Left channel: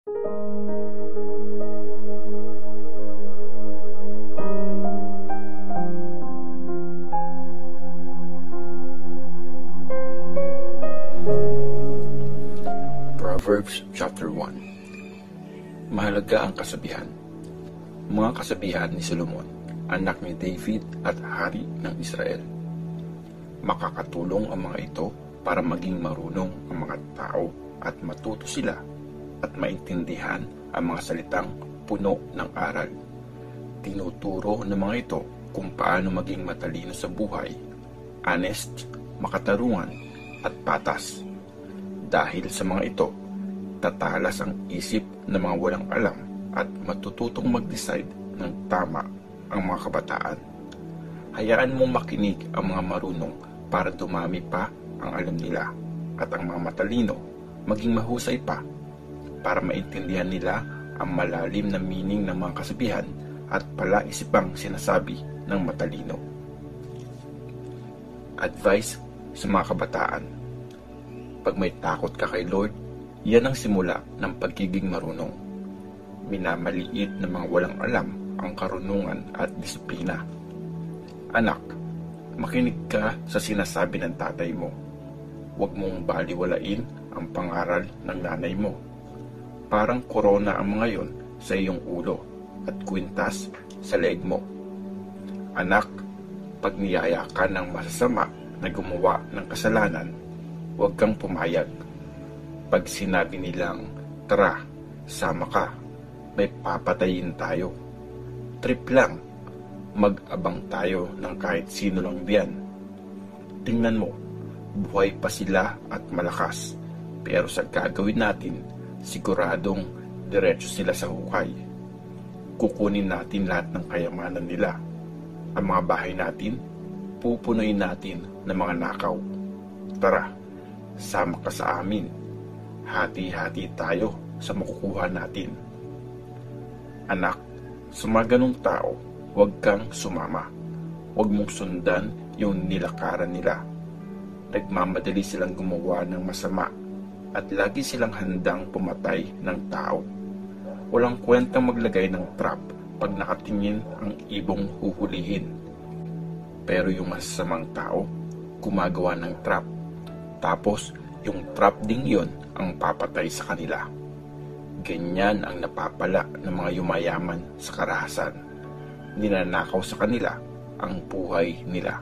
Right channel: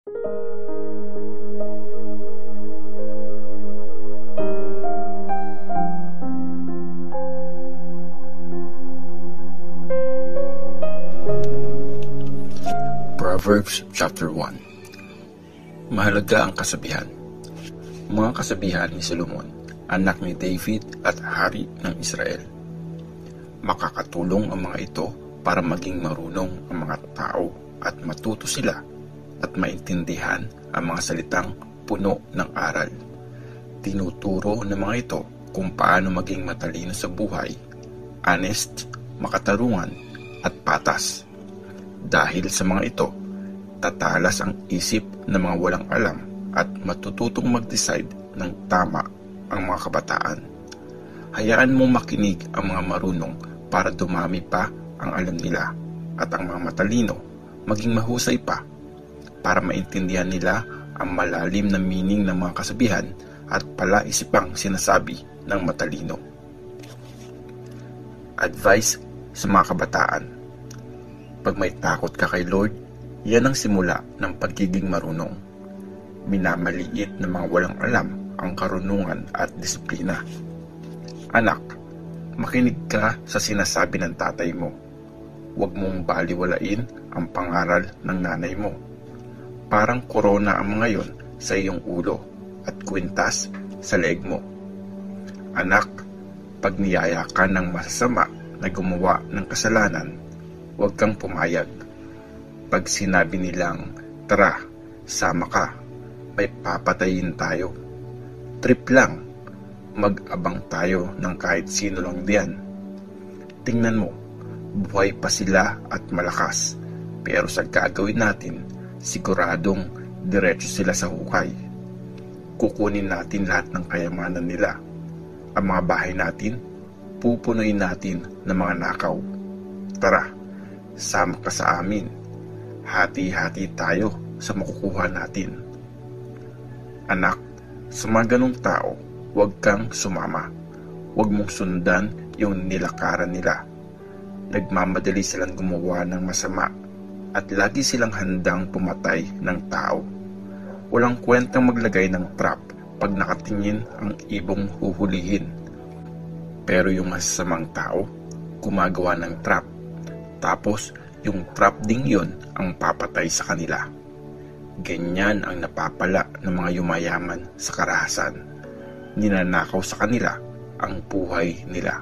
Proverbs chapter 1. Mahalaga ang kasabihan. Mga kasabihan ni Solomon, anak ni David at hari ng Israel. Makakatulong ang mga ito para maging marunong ang mga tao at matuto sila at maintindihan ang mga salitang puno ng aral. Tinuturo ng mga ito kung paano maging matalino sa buhay, honest, makatarungan at patas. Dahil sa mga ito, tatalas ang isip ng mga walang alam at matututong mag-decide ng tama ang mga kabataan. Hayaan mong makinig ang mga marunong para dumami pa ang alam nila at ang mga matalino maging mahusay pa para maintindihan nila ang malalim na meaning ng mga kasabihan at palaisipang sinasabi ng matalino. Advice sa mga kabataan. Pag may takot ka kay Lord, yan ang simula ng pagiging marunong. Minamaliit ng mga walang alam ang karunungan at disiplina. Anak, makinig ka sa sinasabi ng tatay mo. Huwag mong baliwalain ang pangaral ng nanay mo. Parang korona ang mga yon sa iyong ulo at kwintas sa leeg mo. Anak, pag niyaya ka ng masasama na gumawa ng kasalanan, huwag kang pumayag. Pag sinabi nilang, tara, sama ka, may papatayin tayo. Trip lang, mag-abang tayo ng kahit sino lang diyan. Tingnan mo, buhay pa sila at malakas. Pero sa gagawin natin, siguradong diretso sila sa hukay. Kukunin natin lahat ng kayamanan nila. Ang mga bahay natin, pupunuin natin ng mga nakaw. Tara, sama ka sa amin. Hati-hati tayo sa makukuha natin. Anak, sa mga ganong tao, huwag kang sumama. Huwag mong sundan yung nilakaran nila. Nagmamadali silang gumawa ng masama at lagi silang handang pumatay ng tao. Walang kwentang maglagay ng trap pag nakatingin ang ibong huhulihin. Pero yung masasamang tao, gumagawa ng trap. Tapos, yung trap ding yun ang papatay sa kanila. Ganyan ang napapala ng mga yumayaman sa karahasan. Ninanakaw sa kanila ang buhay nila.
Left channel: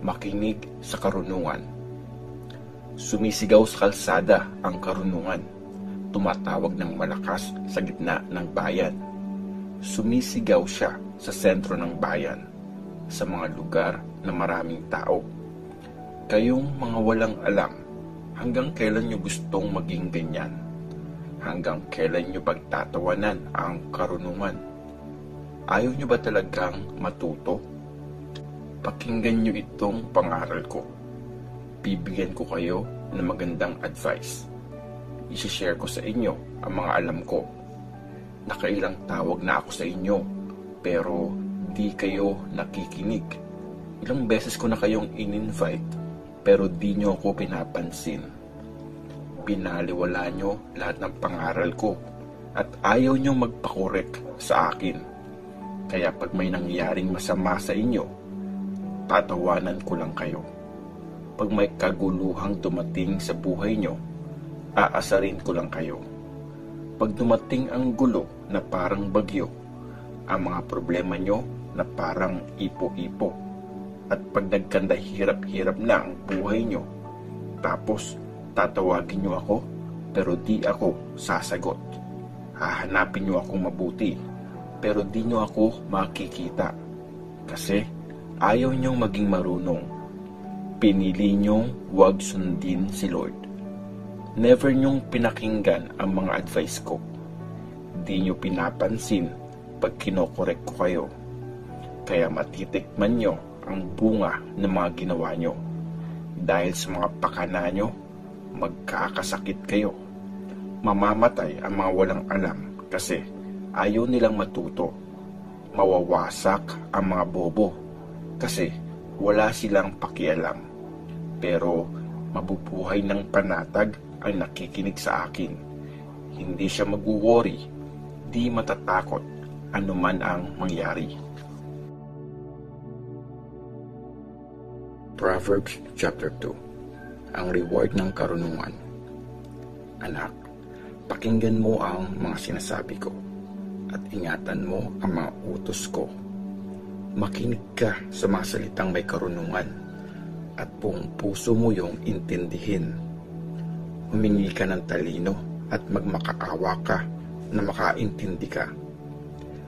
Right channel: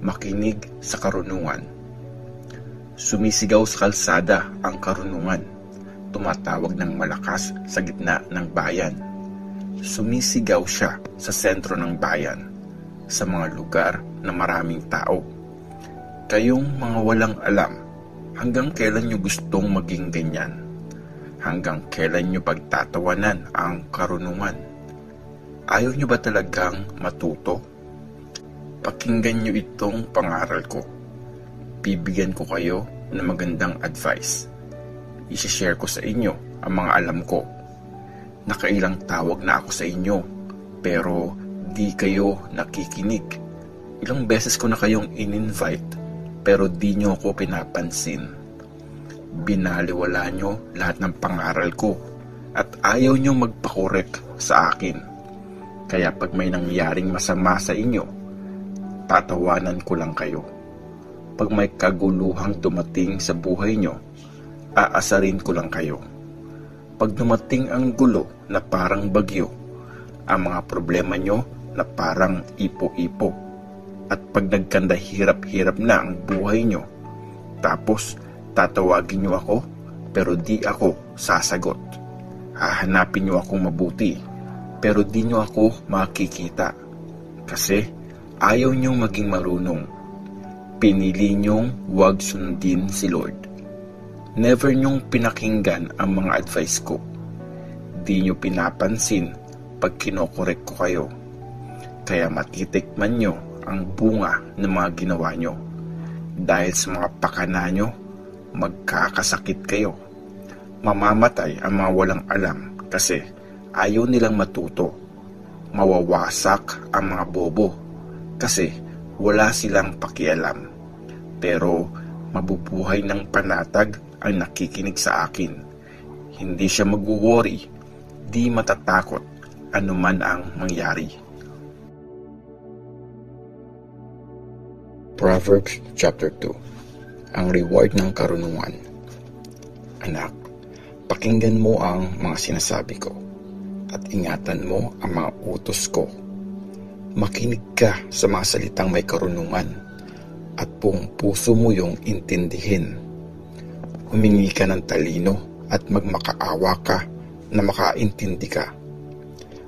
Makinig sa karunungan. Sumisigaw sa kalsada ang karunungan. Tumatawag ng malakas sa gitna ng bayan. Sumisigaw siya sa sentro ng bayan, sa mga lugar na maraming tao. Kayong mga walang alam, hanggang kailan nyo gustong maging ganyan? Hanggang kailan nyo pagtatawanan ang karunungan? Ayaw nyo ba talagang matuto? Pakinggan nyo itong pangaral ko. Bibigyan ko kayo ng magandang advice. I-share ko sa inyo ang mga alam ko. Nakailang tawag na ako sa inyo, pero di kayo nakikinig. Ilang beses ko na kayong in-invite, pero di nyo ako pinapansin. Binaliwala nyo lahat ng pangaral ko at ayaw nyo magpakorek sa akin. Kaya pag may nangyaring masama sa inyo, tatawanan ko lang kayo. Pag may kaguluhang dumating sa buhay nyo, aasarin ko lang kayo. Pag dumating ang gulo na parang bagyo, ang mga problema nyo na parang ipo-ipo, at pag nagkanda hirap-hirap na ang buhay nyo, tapos tatawagin nyo ako, pero di ako sasagot. Hahanapin nyo ako mabuti, pero di nyo ako makikita. Kasi ayaw nyong maging marunong. Pinili nyong huwag sundin si Lord. Never nyong pinakinggan ang mga advice ko. Di nyo pinapansin pag kinokorek ko kayo. Kaya matitikman nyo ang bunga ng mga ginawa nyo. Dahil sa mga pakana nyo, magkakasakit kayo. Mamamatay ang mga walang alam kasi ayaw nilang matuto. Mawawasak ang mga bobo kasi wala silang pakialam. Pero mabubuhay ng panatag ang nakikinig sa akin Hindi siya mag-worry, di matatakot anuman ang mangyari. Proverbs chapter 2. Ang reward ng karunungan. Anak, pakinggan mo ang mga sinasabi ko at ingatan mo ang mga utos ko. Makinig ka sa mga salitang may karunungan at buong puso mo yung intindihin. Humingi ka ng talino at magmakaawa ka na makaintindi ka.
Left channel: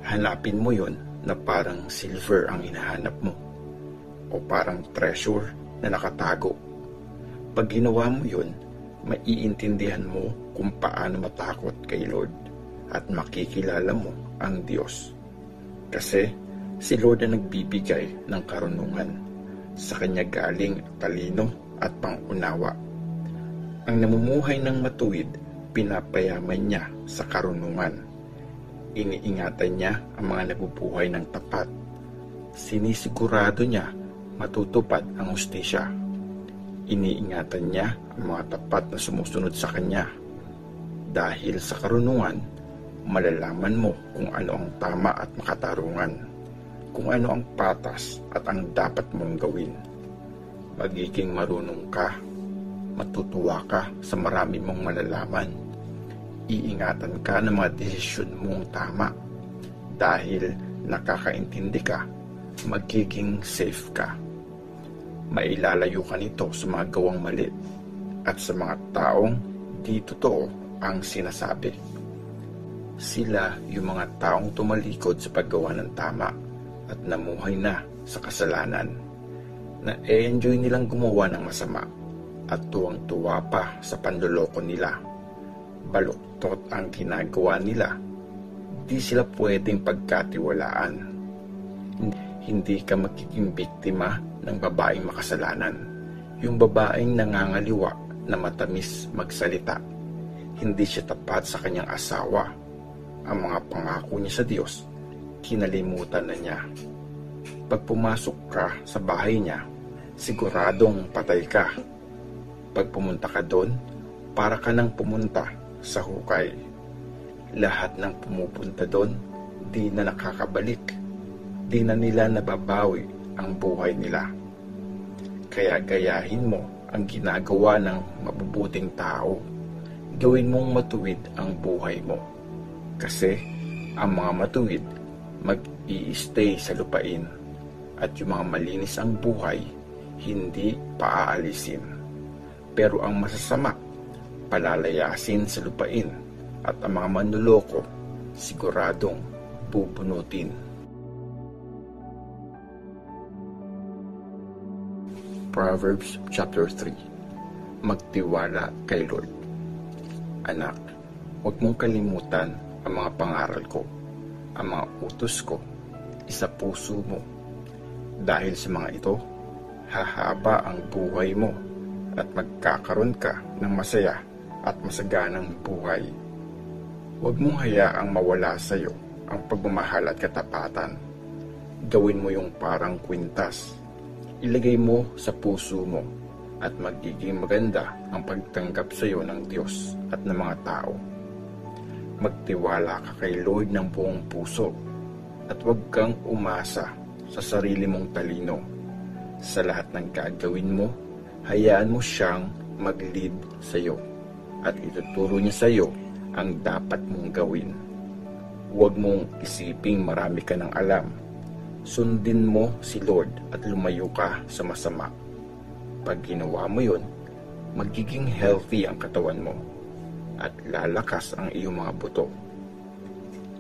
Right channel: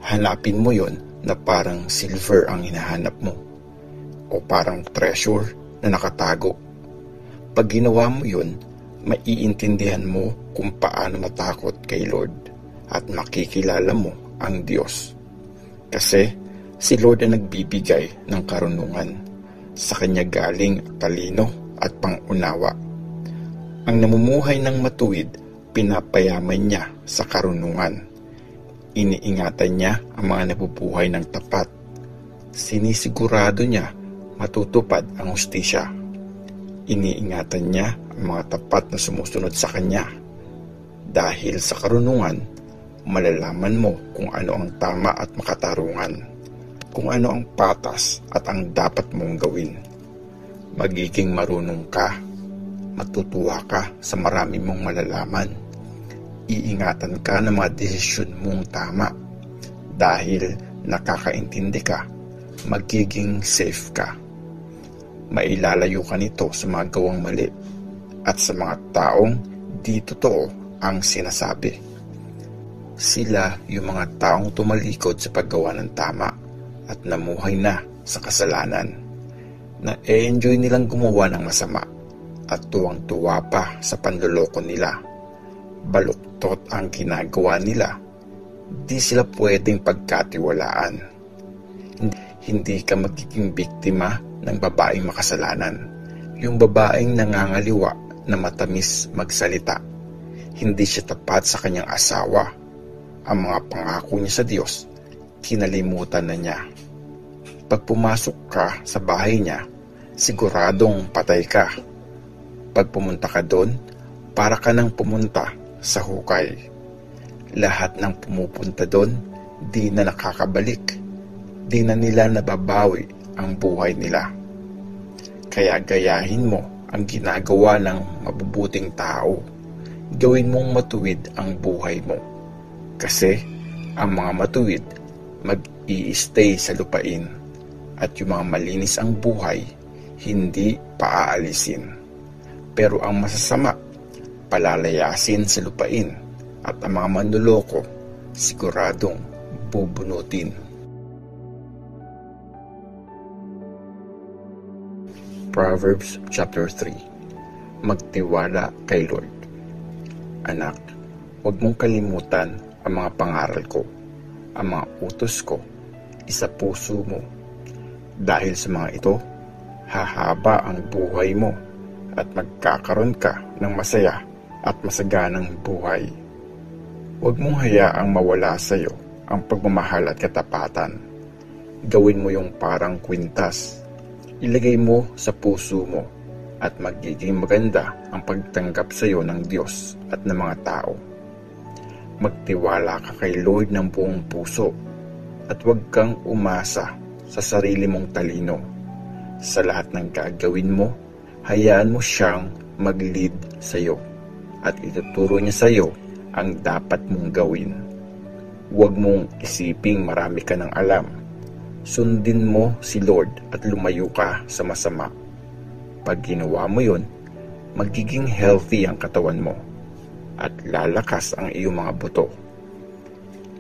Hanapin mo yon na parang silver ang hinahanap mo o parang treasure na nakatago. Pag ginawa mo yun, maiintindihan mo kung paano matakot kay Lord at makikilala mo ang Diyos. Kasi si Lord ang nagbibigay ng karunungan. Sa Kanya galing talino at pangunawa. Ang namumuhay ng matuwid, pinapayaman niya sa karunungan. Iniingatan niya ang mga nabubuhay ng tapat. Sinisigurado niya matutupad ang hustisya. Iniingatan niya ang mga tapat na sumusunod sa Kanya. Dahil sa karunungan, malalaman mo kung ano ang tama at makatarungan, kung ano ang patas at ang dapat mong gawin. Magiging marunong ka, matutuwa ka sa marami mong malalaman. Iingatan ka ng mga desisyon mong tama. Dahil nakakaintindi ka, magiging safe ka. Mailalayo ka nito sa mga gawang mali at sa mga taong di totoo ang sinasabi. Sila yung mga taong tumalikod sa paggawa ng tama at namuhay na sa kasalanan, na enjoy nilang gumawa ng masama at tuwang-tuwa pa sa panluloko nila. Baluktot ang ginagawa nila, di sila pwedeng pagkatiwalaan. Hindi ka magiging biktima ng babaeng makasalanan, yung babaeng nangangaliwa na matamis magsalita. Hindi siya tapat sa kanyang asawa. Ang mga pangako niya sa Diyos, kinalimutan na niya. Pag pumasok ka sa bahay niya, siguradong patay ka. Pag pumunta ka doon, para ka nang pumunta sa hukay. Lahat ng pumupunta doon, di na nakakabalik. Di na nila nababawi ang buhay nila. Kaya gayahin mo ang ginagawa ng mabubuting tao. Gawin mong matuwid ang buhay mo. Kasi ang mga matuwid mag-i-stay sa lupain at yung mga malinis ang buhay hindi paaalisin. Pero ang masasama palalayasin sa lupain at ang mga manloloko siguradong bubunutin. Proverbs chapter 3. Magtiwala kay Lord. Anak, huwag mong kalimutan ang mga pangaral ko, ang mga utos ko, isa puso mo. Dahil sa mga ito, hahaba ang buhay mo at magkakaroon ka ng masaya at masaganang buhay. Huwag mong hayaang mawala sa iyo ang pagmamahal at katapatan. Gawin mo yung parang kwintas. Ilagay mo sa puso mo at magiging maganda ang pagtanggap sa iyo ng Diyos at ng mga tao. Magtiwala ka kay Lord ng buong puso at huwag kang umasa sa sarili mong talino. Sa lahat ng gagawin mo, hayaan mo siyang mag-lead sa iyo at ituturo niya sa iyo ang dapat mong gawin. Huwag mong isiping marami ka ng alam. Sundin mo si Lord at lumayo ka sa masama. Pag ginawa mo yun, magiging healthy ang katawan mo at lalakas ang iyong mga buto.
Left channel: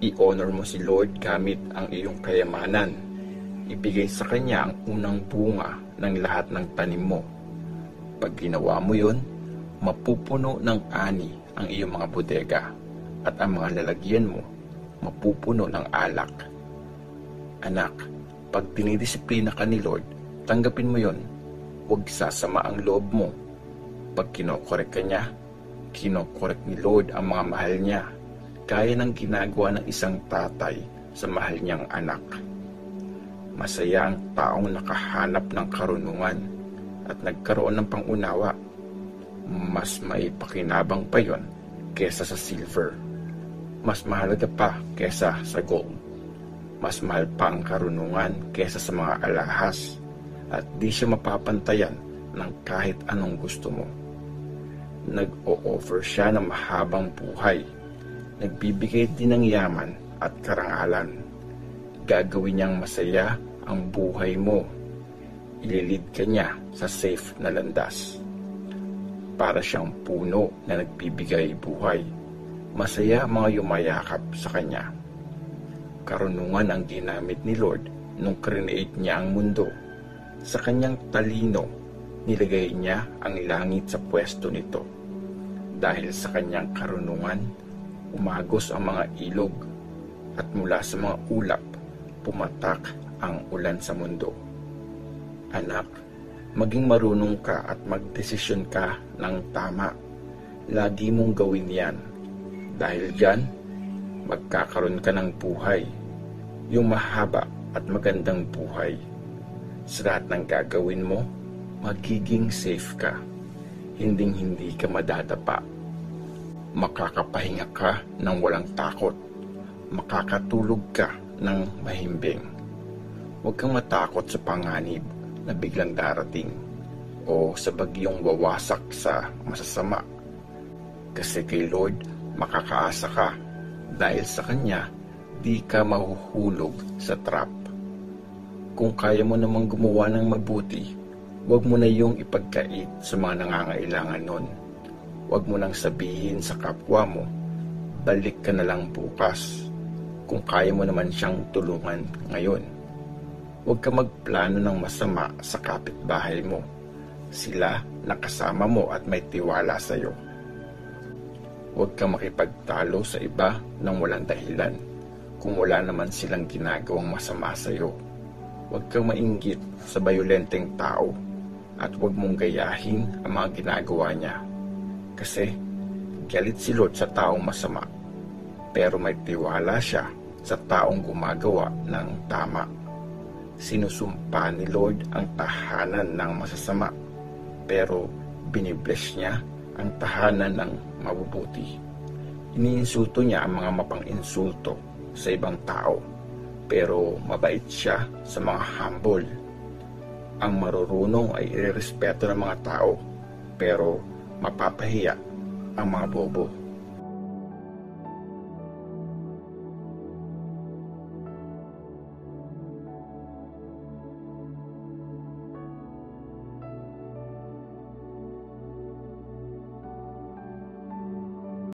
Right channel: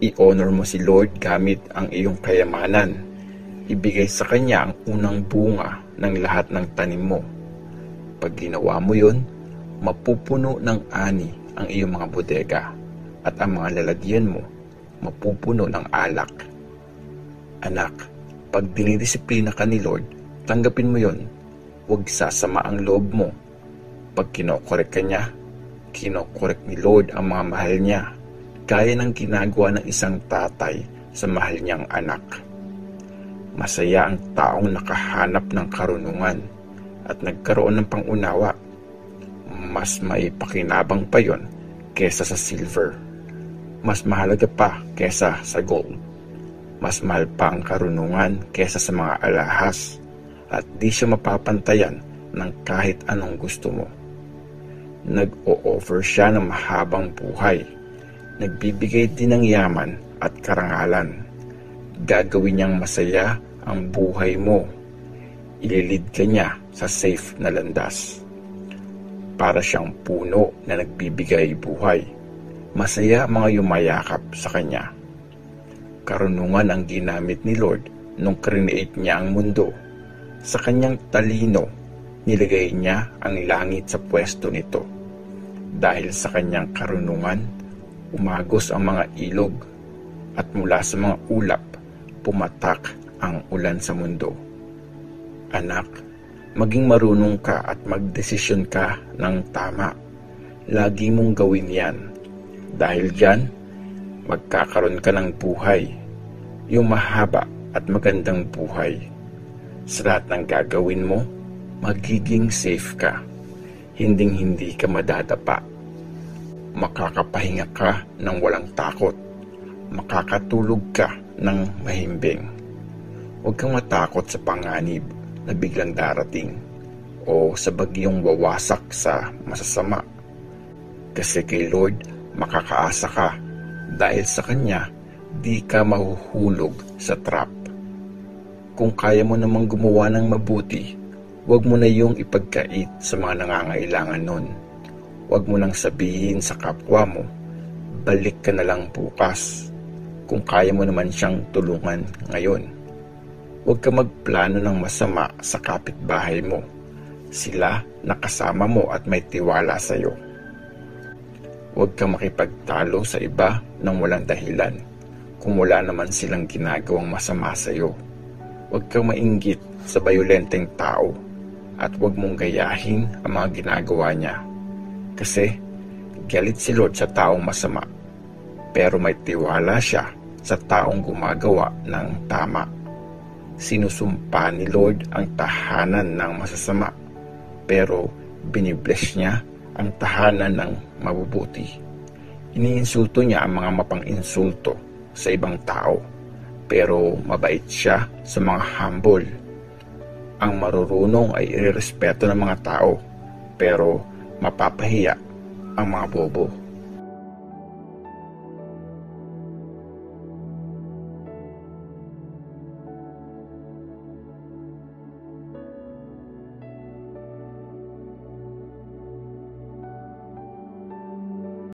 I-honor mo si Lord gamit ang iyong kayamanan. Ibigay sa Kanya ang unang bunga ng lahat ng tanim mo. Pag ginawa mo yun, mapupuno ng ani ang iyong mga bodega at ang mga lalagyan mo mapupuno ng alak. Anak, pag dinidisiplina ka ni Lord, tanggapin mo yon. Huwag sasama ang loob mo. Pag kinokorek ka niya, kinokorek ni Lord ang mga mahal niya, gaya ng ginagawa ng isang tatay sa mahal niyang anak. Masaya ang taong nakahanap ng karunungan at nagkaroon ng pangunawa. Mas may pakinabang pa yon kesa sa silver. Mas mahalaga pa kesa sa gold. Mas mahal pa ang karunungan kesa sa mga alahas, at di siya mapapantayan ng kahit anong gusto mo. Nag-o-offer siya ng mahabang buhay. Nagbibigay din ng yaman at karangalan. Gagawin niyang masaya ang buhay mo. Ililid ka niya sa safe na landas. Para siyang puno na nagbibigay buhay. Masaya ang mga yumayakap sa kanya. Karunungan ang ginamit ni Lord nung create niya ang mundo. Sa kanyang talino, nilagay niya ang langit sa pwesto nito. Dahil sa kanyang karunungan, umagos ang mga ilog, at mula sa mga ulap, pumatak ang ulan sa mundo. Anak, maging marunong ka at magdesisyon ka ng tama. Lagi mong gawin yan. Dahil dyan, magkakaroon ka ng buhay. Yung mahaba at magandang buhay. Sa lahat ng gagawin mo, magiging safe ka. Hinding-hindi ka madadapa. Makakapahinga ka ng walang takot. Makakatulog ka ng mahimbing. Huwag kang matakot sa panganib na biglang darating o sa bagyong wawasak sa masasama. Kasi kay Lord, makakaasa ka dahil sa Kanya, di ka mahuhulog sa trap. Kung kaya mo namang gumawa ng mabuti, huwag mo na yung ipagkait sa mga nangangailangan nun. Huwag mo nang sabihin sa kapwa mo, balik ka na lang bukas, kung kaya mo naman siyang tulungan ngayon. Huwag ka magplano ng masama sa kapitbahay mo. Sila nakasama mo at may tiwala sa iyo. Huwag ka makipagtalo sa iba ng walang dahilan kung wala naman silang ginagawang masama sa iyo. Huwag kang mainggit sa bayolenteng tao at huwag mong gayahin ang mga ginagawa niya. Kasi galit si Lord sa taong masama, pero may tiwala siya sa taong gumagawa ng tama. Sinusumpa ni Lord ang tahanan ng masasama, pero binibless niya ang tahanan ng mabubuti. Iniinsulto niya ang mga mapang-insulto sa ibang tao, pero mabait siya sa mga humble. Ang marurunong ay irerespeto ng mga tao, pero mapapahiya ang mga bobo.